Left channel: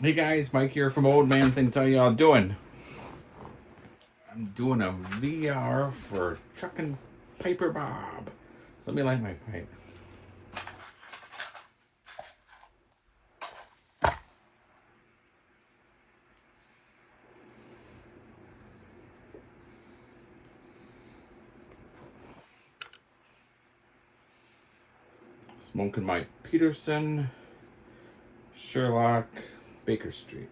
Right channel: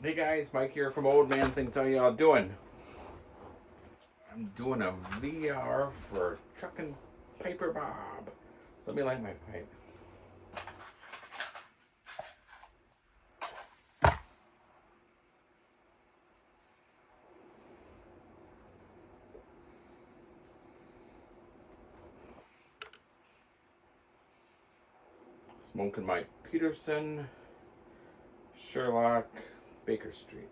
Hey guys, Mike here from Old Man Things. How y'all doing? I'm doing a VR for Truckin' Piper Bob. So let me light my pipe. Smoking my Peterson, Sherlock, Baker Street.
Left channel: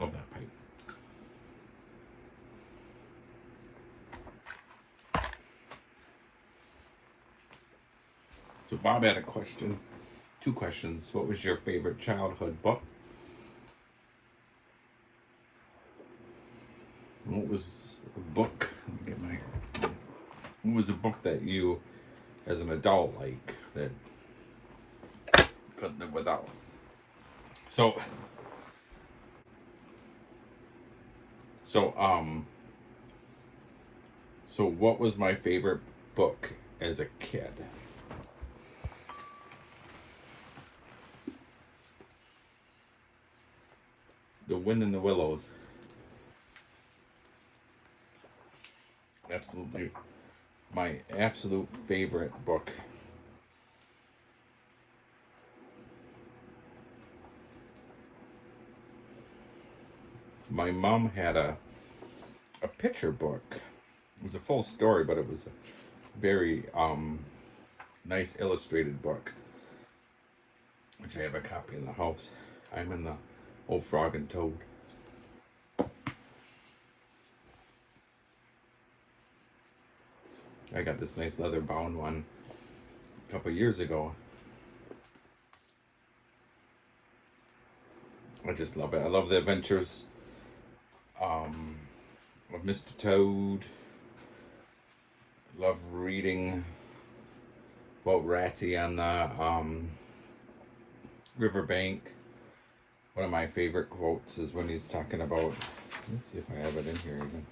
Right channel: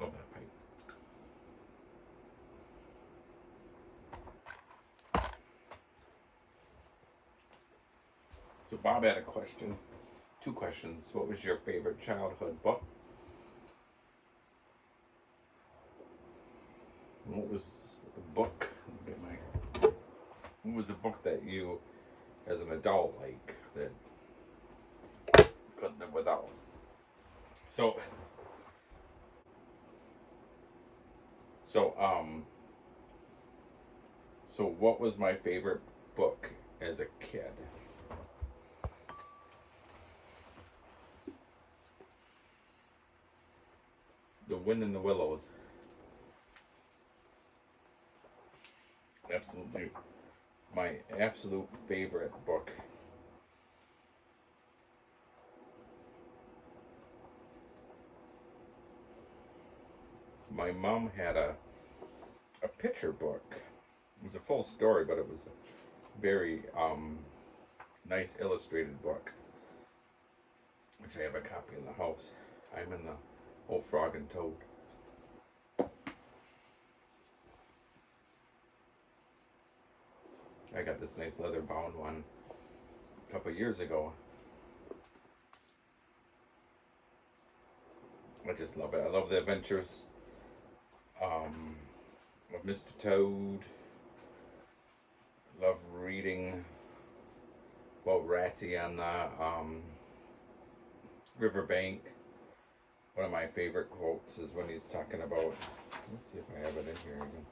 Love that pipe. So Bob had a question, two questions. What was your favorite childhood book? What was a book? Let me get my. What was a book that you, as an adult, like that couldn't live without? So, so um, so what was my favorite book as a kid? The Wind in the Willows. Absolutely my absolute favorite book. My mom had a picture book. It was a full story, but it was a very nice illustrated book, which I have a copy in the house. I'm in the Old Frog and Toad. I got this nice leather bound one a couple years ago. I just love it. I love the adventures of Mr. Toad. Love reading about Ratty on the riverbank. One of my favorite quotes is when he's talking about. Let's see if I have it in here even.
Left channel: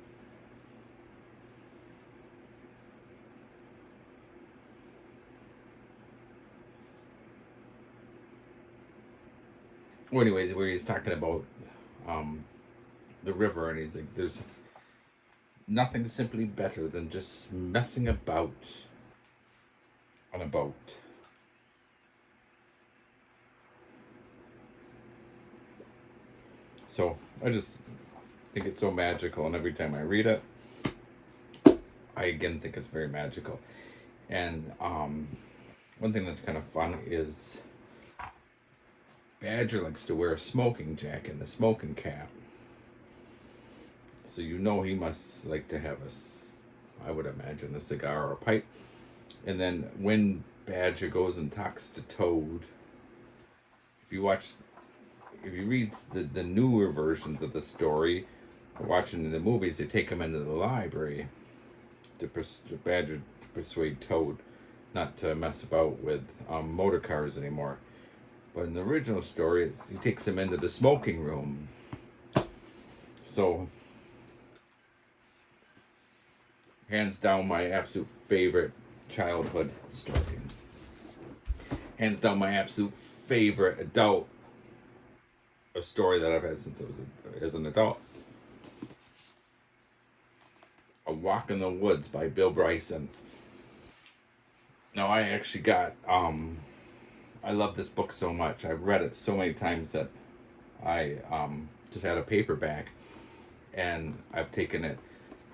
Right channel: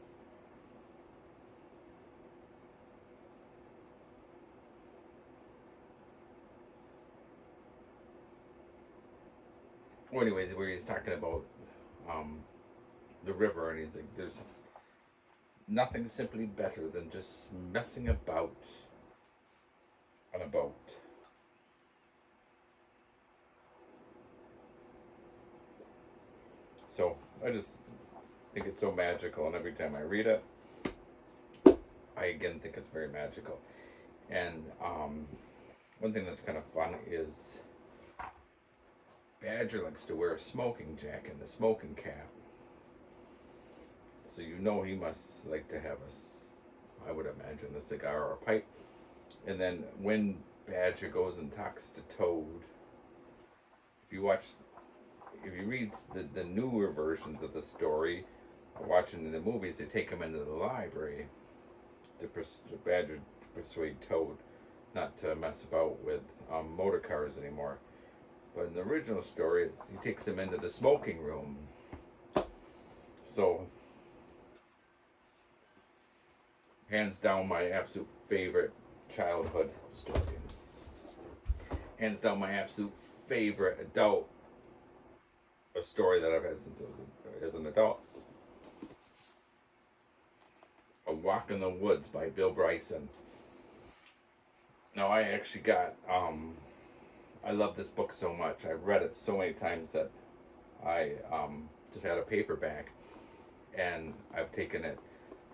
Well, anyways, where he's talking about um, the river, and he's like, "There's nothing simply better than just messing about on a boat." So I just think it's so magical, and every time I read it, I again think it's very magical. And one thing that's kind of fun is Badger likes to wear a smoking jacket and a smoking cap. So you know he must like to have I would imagine, a cigar or a pipe. And then when Badger goes and talks to Toad, if you watch, if you read the newer versions of the story, watching the movies, they take him into the library to Badger to persuade Toad not to mess about with motor cars anymore. But in the original story, he takes him into the smoking room. So, hands down, my absolute favorite childhood story. Hands down, my absolute favorite adult story that I've had since I was as an adult. A Walk in the Woods by Bill Bryson. Now, I actually got I love this book so much. I've read it so many times that I just had a paperback, and I've taken it.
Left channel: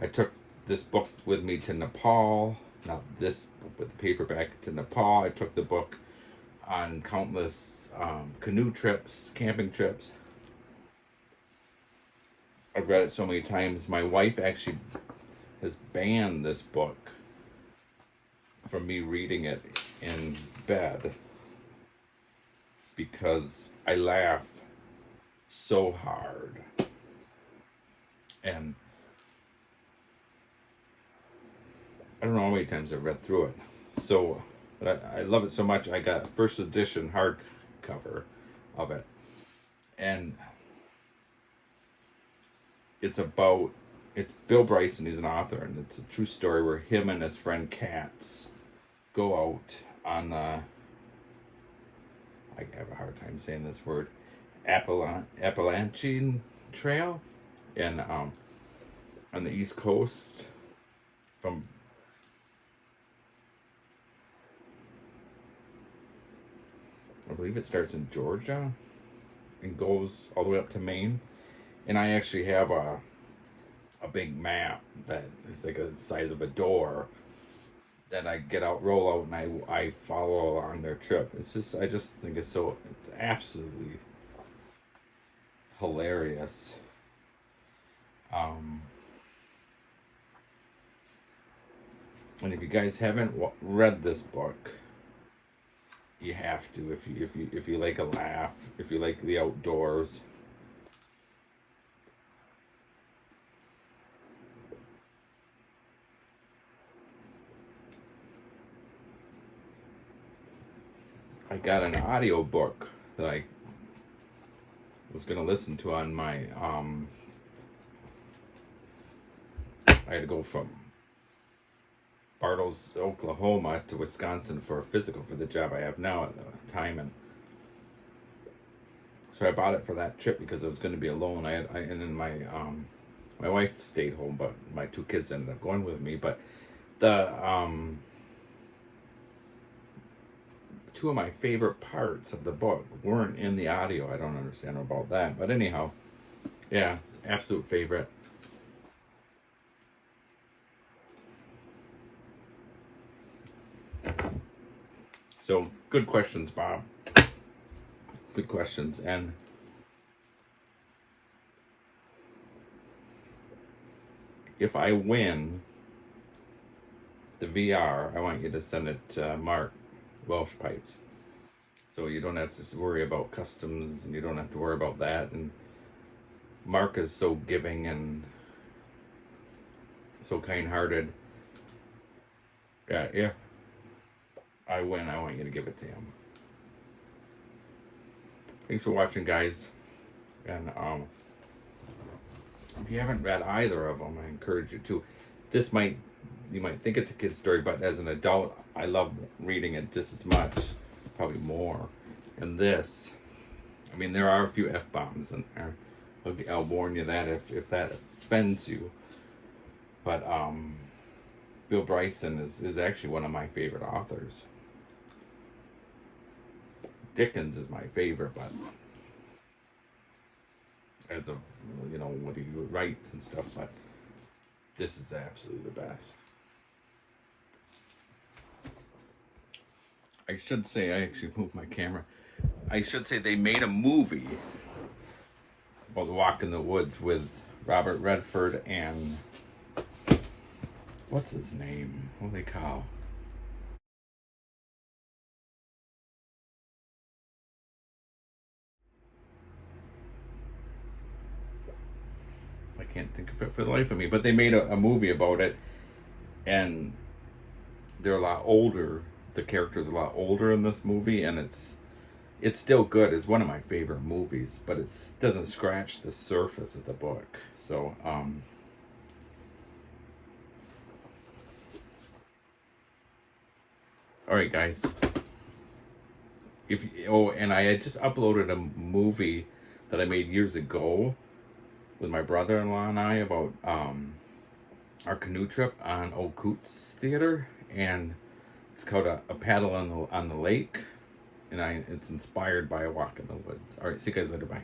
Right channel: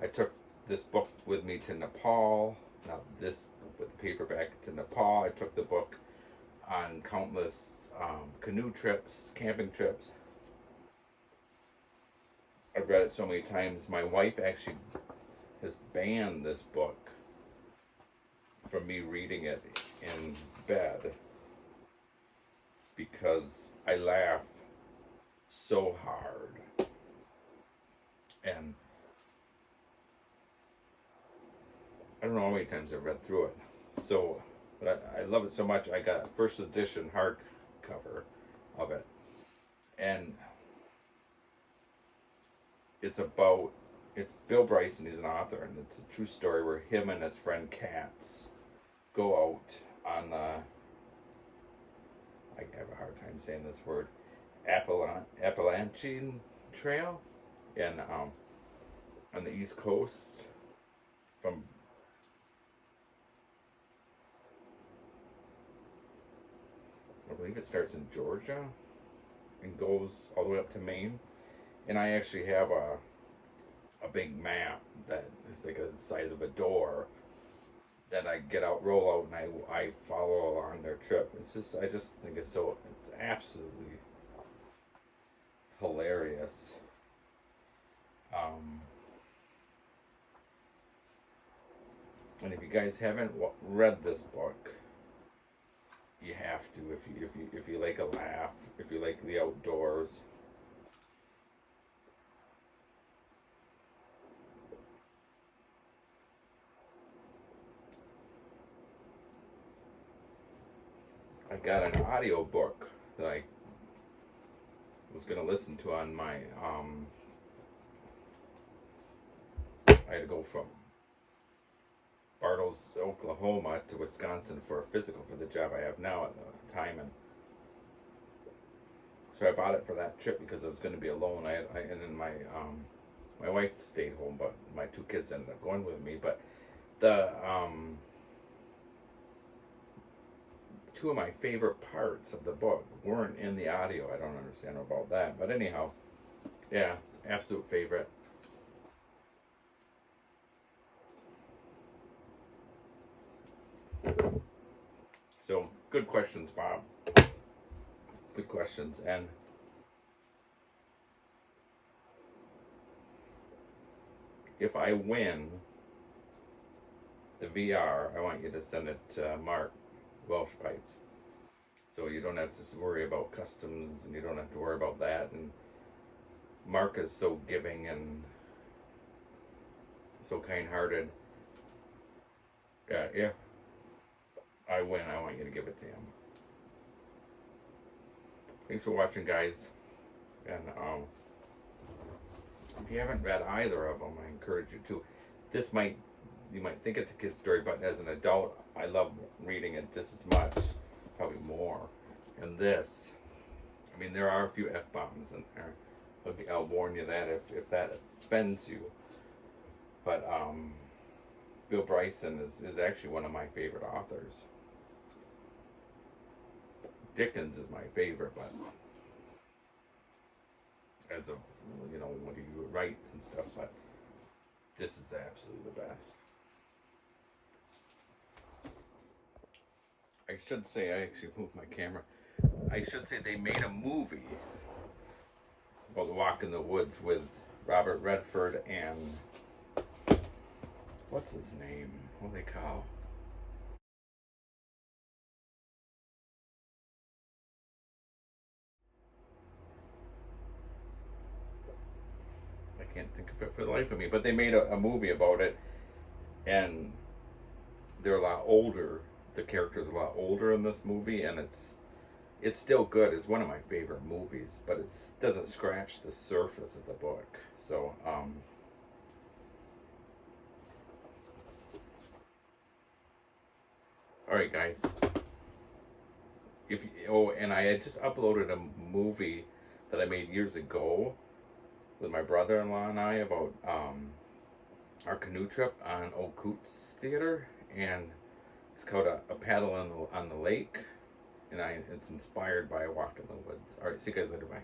I took this book with me to Nepal. Not this book, but the paperback to Nepal. I took the book on countless canoe trips, camping trips. I've read it so many times. My wife actually has banned this book from me reading it in bed because I laugh so hard. And I don't know how many times I've read through it. So, but I love it so much. I got a first edition hardcover of it. And it's Bill Bryson, he's an author, and it's a true story where him and his friend Katz go out on have a hard time saying this word, Appalachian Trail in on the East Coast from I believe it starts in Georgia and goes all the way up to Maine. And I actually have a big map that is like the size of a door that I get out, roll out, and I follow along their trip. It's just, I just think it's absolutely hilarious. And if you guys haven't read this book, you have to. If you like a laugh, if you like the outdoors. I got an audio book that I was gonna listen to on my I had to go from Bartles, Oklahoma to Wisconsin for a physical for the job I have now at the time, and so I bought it for that trip because I was going to be alone. And then my wife stayed home, but my two kids ended up going with me. But the two of my favorite parts of the book weren't in the audio. I don't understand about that, but anyhow, yeah, it's an absolute favorite. So, good questions, Bob. Good questions. And if I win the VR, I want you to send it to Mark Welsh Pipes. So you don't have to worry about customs, and you don't have to worry about that. And Mark is so giving and so kind-hearted. Yeah. I win, I want you to give it to him. Thanks for watching, guys. And if you haven't read either of them, I encourage you to. You might think it's a kid's story, but as an adult, I love reading it just as much, probably more. And this, I mean, there are a few F-bombs in there. I'll warn you that if that offends you. But Bill Bryson is actually one of my favorite authors. Dickens is my favorite, but as of, what he writes and stuff, but this is absolutely the best. I should say, I actually moved my camera. I should say they made a movie called Walk in the Woods with Robert Redford and what's his name? Holy cow. I can't think of it for the life of me, but they made a movie about it, and they're a lot older. The character's a lot older in this movie, and it's still good. It's one of my favorite movies, but it doesn't scratch the surface of the book. So, all right, guys. And I had just uploaded a movie that I made years ago with my brother-in-law and I about our canoe trip on Old Coots Theater, and it's called a paddle on the lake, and it's inspired by a walk in the woods. All right, see you guys later. Bye.